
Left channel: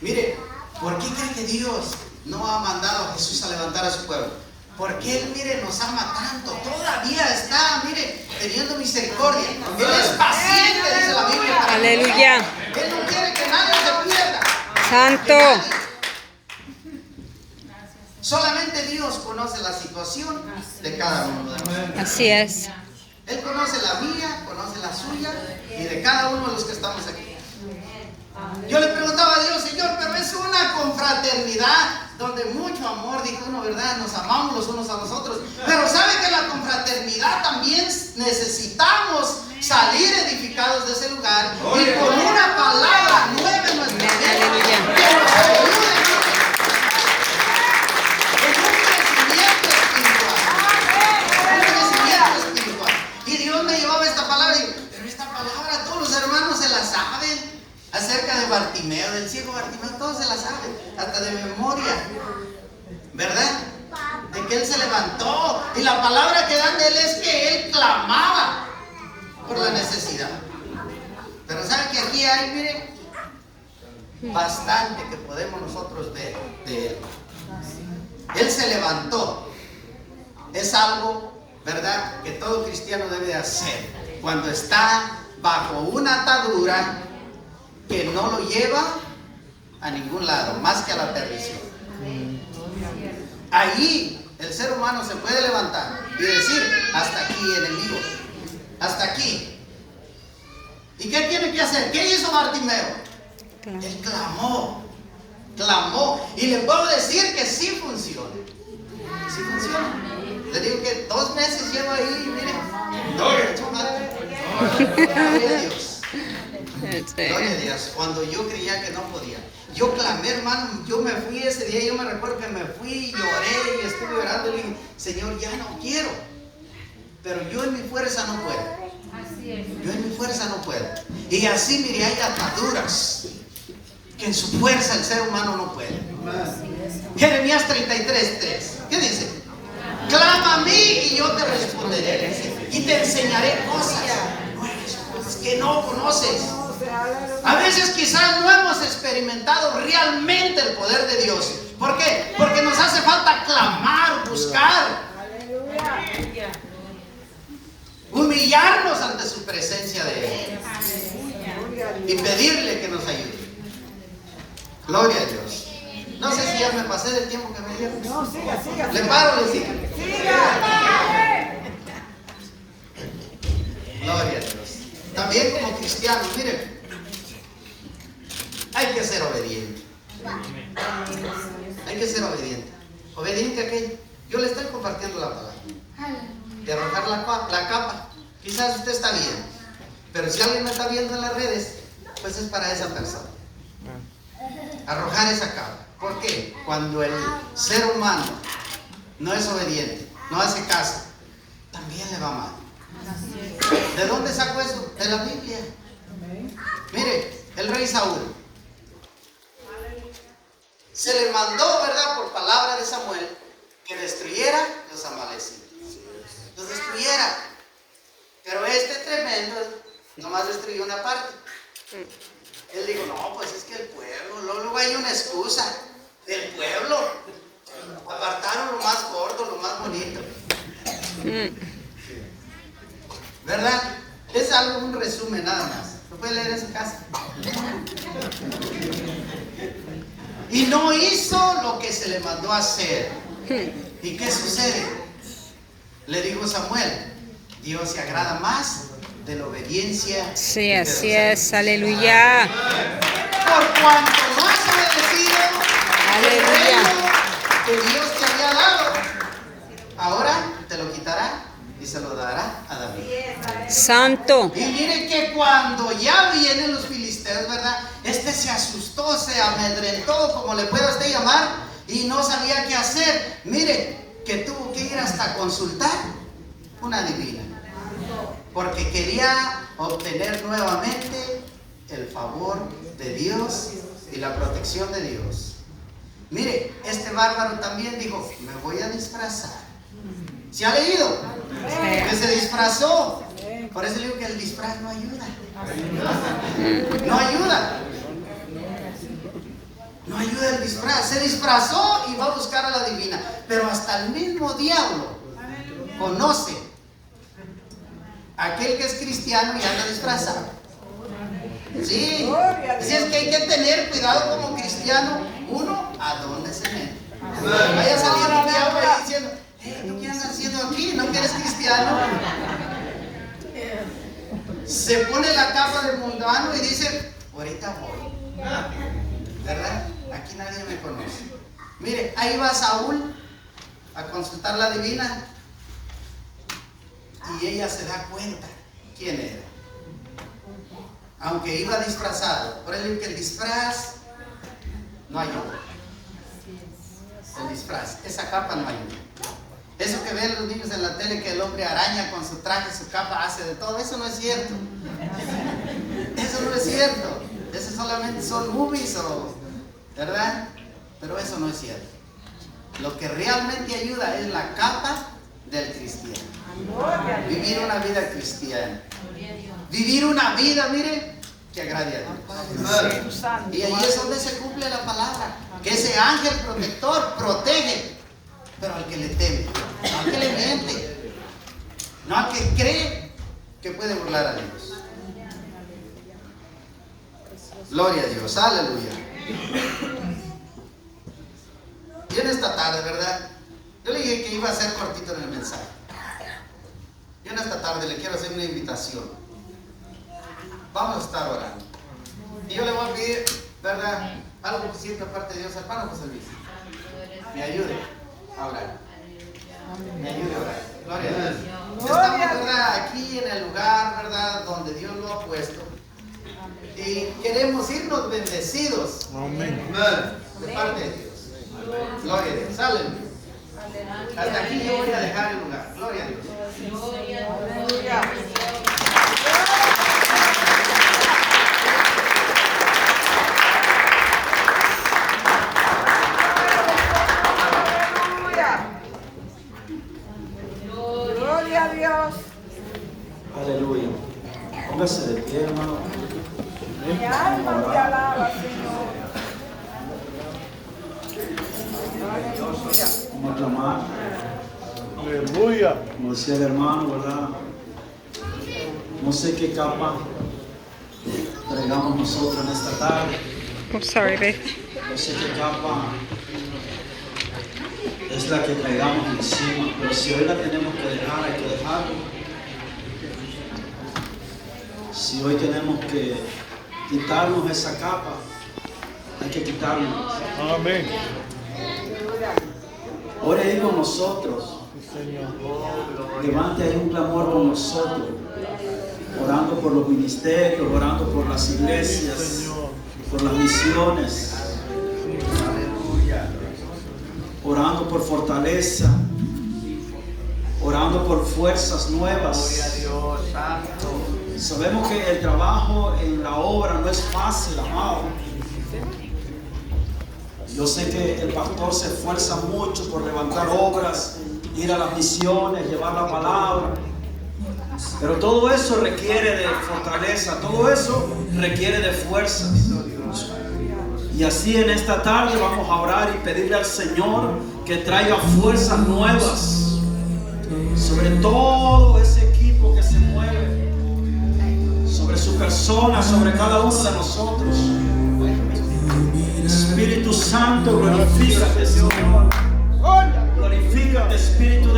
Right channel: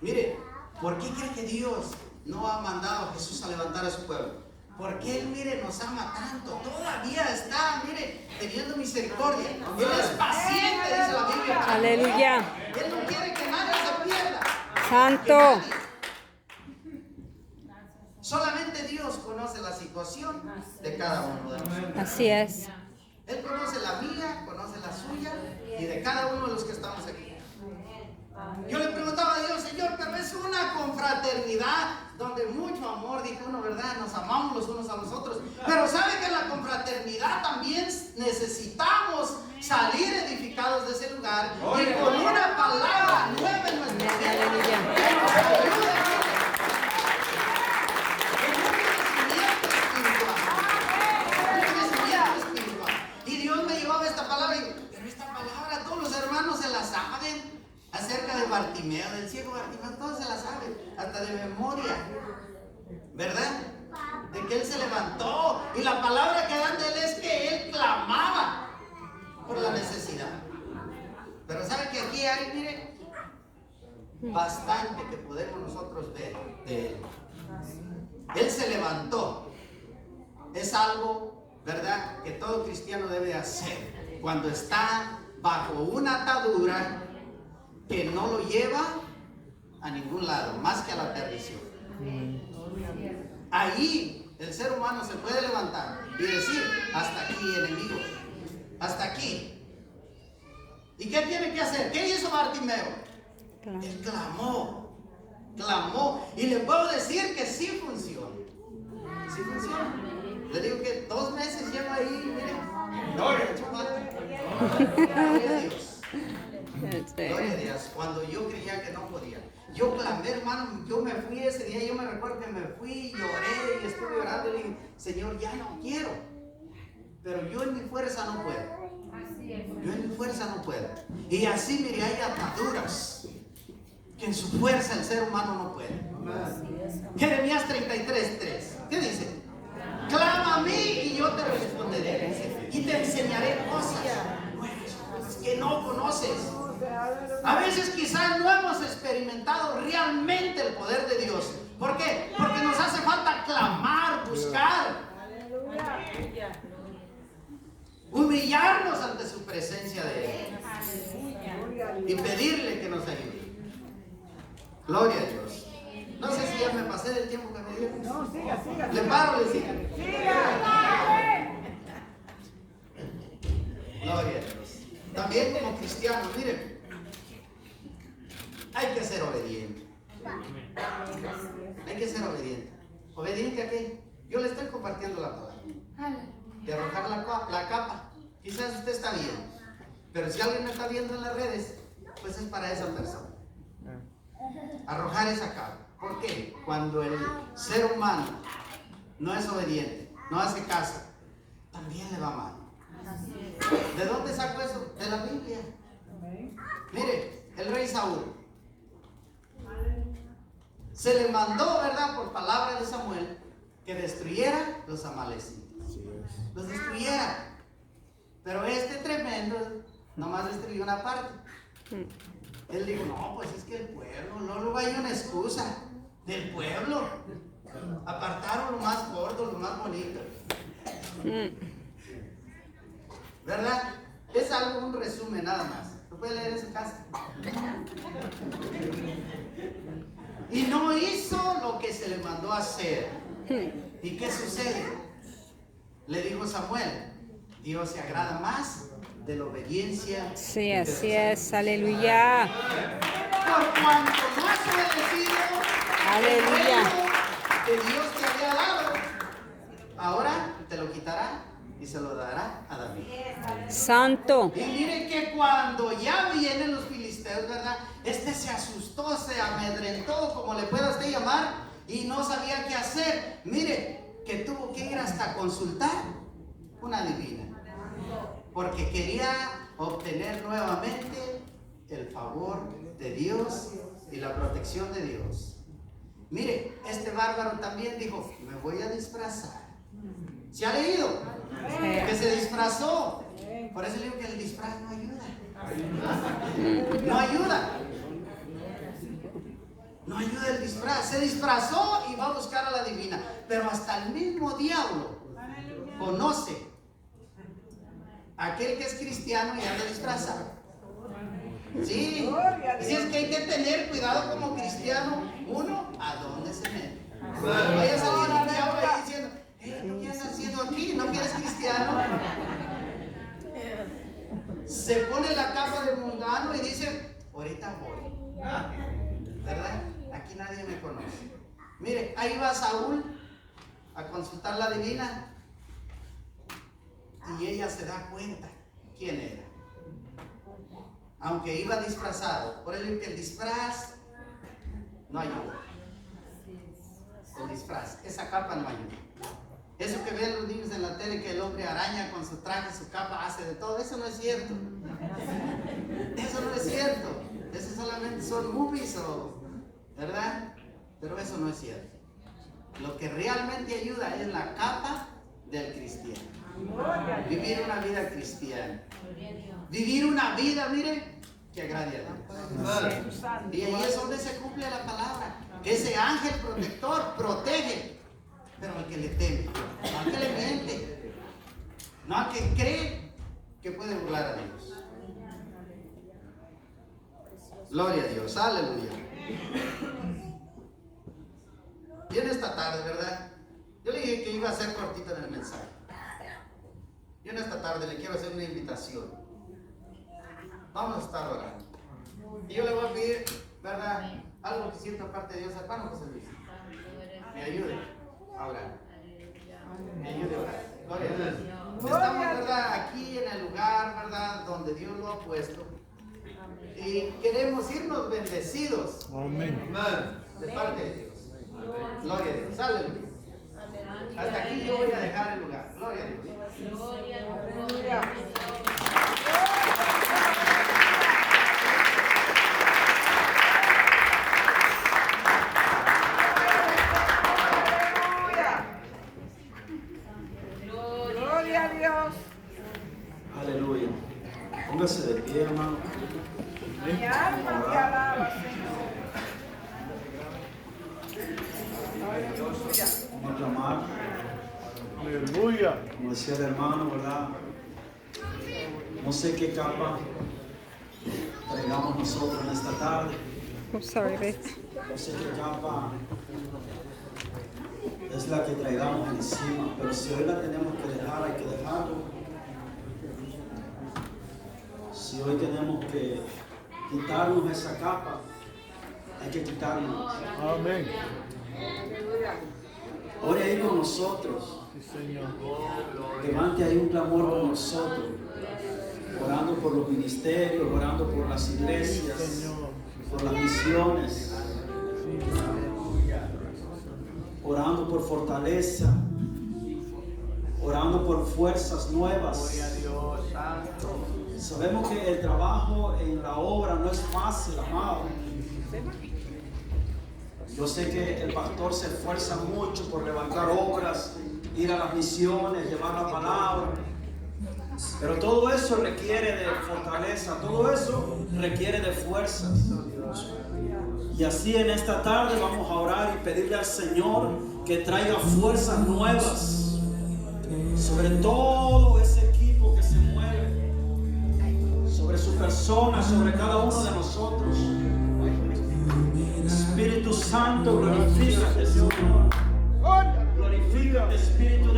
Mire, ¿por qué cree que Dios no ha mandado a Jesús a levantar a su pueblo? Porque Él, mire, nos ama tanto, todavía está, mire, teniendo misericordia. Él es paciente, dice la Biblia. Aleluya. Él no quiere que nadie se pierda. Santo. Solamente Dios conoce la situación de cada uno de nosotros. Así es. Él conoce la mía, conoce la suya y de cada uno de los que estamos aquí. Yo le preguntaba a Dios, Señor, pero es una confraternidad donde mucho amor, dijo uno, ¿verdad? Nos amamos los unos a los otros. Pero ¿sabe que la confraternidad también necesitamos salir edificados de ese lugar y con una palabra nueva en nuestra vida Aleluya. que nos ayude en un crecimiento espiritual? Y Dios me llevaba esta palabra y digo, pero esta palabra todos los hermanos se la saben. Acerca de Bartimeo, del ciego Bartimeo, todos se la saben, hasta de memoria, ¿verdad? De que él se levantó y la palabra que dan de él es que él clamaba por la necesidad. Pero ¿saben que aquí hay, miren, bastante que podemos nosotros ver de él? Él se levantó. Es algo, ¿verdad?, que todo cristiano debe de hacer cuando está bajo una atadura que no lo lleva a ningún lado, más que a la perdición. Ahí el ser humano se puede levantar y decir, hasta aquí, enemigo, hasta aquí. ¿Y qué tiene que hacer? ¿Qué hizo Bartimeo? Él clamó, y le puedo decir que sí funciona. Sí funciona. Le digo que 2 meses llevo ahí, miren, no he hecho nada. Gloria a Dios. Gloria a Dios, cuando yo creía que no podía. Yo clamé, hermano, yo me fui ese día, yo me recuerdo que me fui, lloré y estuve llorando y le dije, Señor, ya no quiero. Pero yo en mi fuerza no puedo. Yo en mi fuerza no puedo. Y así, mire, hay ataduras que en su fuerza el ser humano no puede. Jeremías 33:3, ¿qué dice? Clama a mí y yo te responderé y te enseñaré cosas nuevas que no conoces. A veces quizás no hemos experimentado realmente el poder de Dios. ¿Por qué? Porque nos hace falta clamar, buscar, humillarnos ante su presencia de Él y pedirle que nos ayude. Gloria a Dios. No sé si ya me pasé del tiempo que me dieron. No, siga. ¿Le paro o le sigo? Gloria a Dios. También como cristianos, miren, hay que ser obediente. Hay que ser obediente. ¿Obediente a qué? Yo le estoy compartiendo la palabra. De arrojar la capa. Quizás usted está bien, pero si alguien me está viendo en las redes, pues es para esa persona. Arrojar esa capa. ¿Por qué? Cuando el ser humano no es obediente, no hace caso, también le va mal. ¿De dónde sacó eso? De la Biblia. Mire, el rey Saúl se le mandó, ¿verdad?, por palabra de Samuel, que destruyera los amalecitas. Los destruyera. Pero este tremendo nomás destruyó una parte. Él dijo, no, pues es que el pueblo, luego hay una excusa del pueblo. Apartaron lo más gordo, lo más bonito. ¿Verdad? Es algo, un resumen nada más. Lo puede leer en su casa. Y no hizo lo que se le mandó a hacer. ¿Y qué sucede? Le dijo Samuel, Dios se agrada más de la obediencia. Sí, así es. Aleluya. Por cuanto no has obedecido el Aleluya. reino que Dios te había dado, ahora te lo quitará y se lo dará a David. Santo. Y mire que cuando ya vienen los filisteos, ¿verdad? Este se asustó, se amedrentó, como le pueda usted llamar, y no sabía qué hacer. Mire, que tuvo que ir hasta consultar una divina, porque quería obtener nuevamente el favor de Dios y la protección de Dios. Mire, este bárbaro también dijo, me voy a disfrazar. ¿Se ha leído? Que se disfrazó. Por eso digo que el disfraz no ayuda. No ayuda. No ayuda el disfraz. Se disfrazó y va a buscar a la divina. Pero hasta el mismo diablo conoce aquel que es cristiano y anda disfrazado. Sí. Así es que hay que tener cuidado como cristiano. Uno, ¿a dónde se mete? Vaya a salir un diablo ahí diciendo, ¿tú qué andas haciendo aquí? ¿No que eres cristiano? Se pone la capa de mundano y dice, ahorita voy. ¿Verdad? Aquí nadie me conoce. Mire, ahí va Saúl a consultar la divina y ella se da cuenta quién era. Aunque iba disfrazado. Por eso digo que el disfraz no ayuda. El disfraz, esa capa no ayuda. Eso que ven los niños en la tele, que el hombre araña con su traje, su capa, hace de todo, eso no es cierto. Eso no es cierto. Eso solamente son movies, ¿verdad? Pero eso no es cierto. Lo que realmente ayuda es la capa del cristiano. Vivir una vida cristiana. Vivir una vida, mire, que agrade a Dios. Y ahí es donde se cumple la palabra. Que ese ángel protector protege, pero al que le teme, no al que le miente, no al que cree que puede burlar a Dios. Gloria a Dios, aleluya. Y en esta tarde, ¿verdad? Yo le dije que iba a ser cortito en el mensaje. Yo en esta tarde le quiero hacer una invitación. Vamos a estar orando. Y yo le voy a pedir, ¿verdad?, algo que sienta parte de Dios, hermano José Luis. Me ayude a orar. Me ayude a orar. Gloria a Dios. Estamos, ¿verdad?, aquí en el lugar, ¿verdad?, donde Dios lo ha puesto. Y queremos irnos bendecidos. Amén. De parte de Dios. Gloria a Dios. Aleluya. Hasta aquí yo voy a dejar el lugar. Gloria a Dios. Gloria a Dios. Gloria a Dios. Aleluya. Póngase de pie, hermano. Mi alma te alaba, Señor. Vamos a clamar. Aleluya. Como decía el hermano, ¿verdad? No sé qué capa traigamos nosotros en esta tarde. I'm sorry, babe. No sé qué capa es la que traigamos encima. Pero si hoy la tenemos que dejar, hay que dejarlo. Si hoy tenemos que quitarnos esa capa, hay que quitarnos. Amén. Ore ahí con nosotros. Levante ahí un clamor con nosotros. Orando por los ministerios, orando por las iglesias, por las misiones. orando por fortaleza, orando por fuerzas nuevas. Gloria a Dios, santo. Sabemos que el trabajo en la obra no es fácil, amado. Yo sé que el pastor se esfuerza mucho por levantar obras, ir a las misiones, llevar la palabra. Pero todo eso requiere de fortaleza, todo eso requiere de fuerzas. Y así en esta tarde vamos a orar y pedirle al Señor que traiga fuerzas nuevas sobre todo ese equipo que se mueve, sobre su persona, sobre cada uno de nosotros. Espíritu Santo, glorifícate, Señor. Glorifícate, Espíritu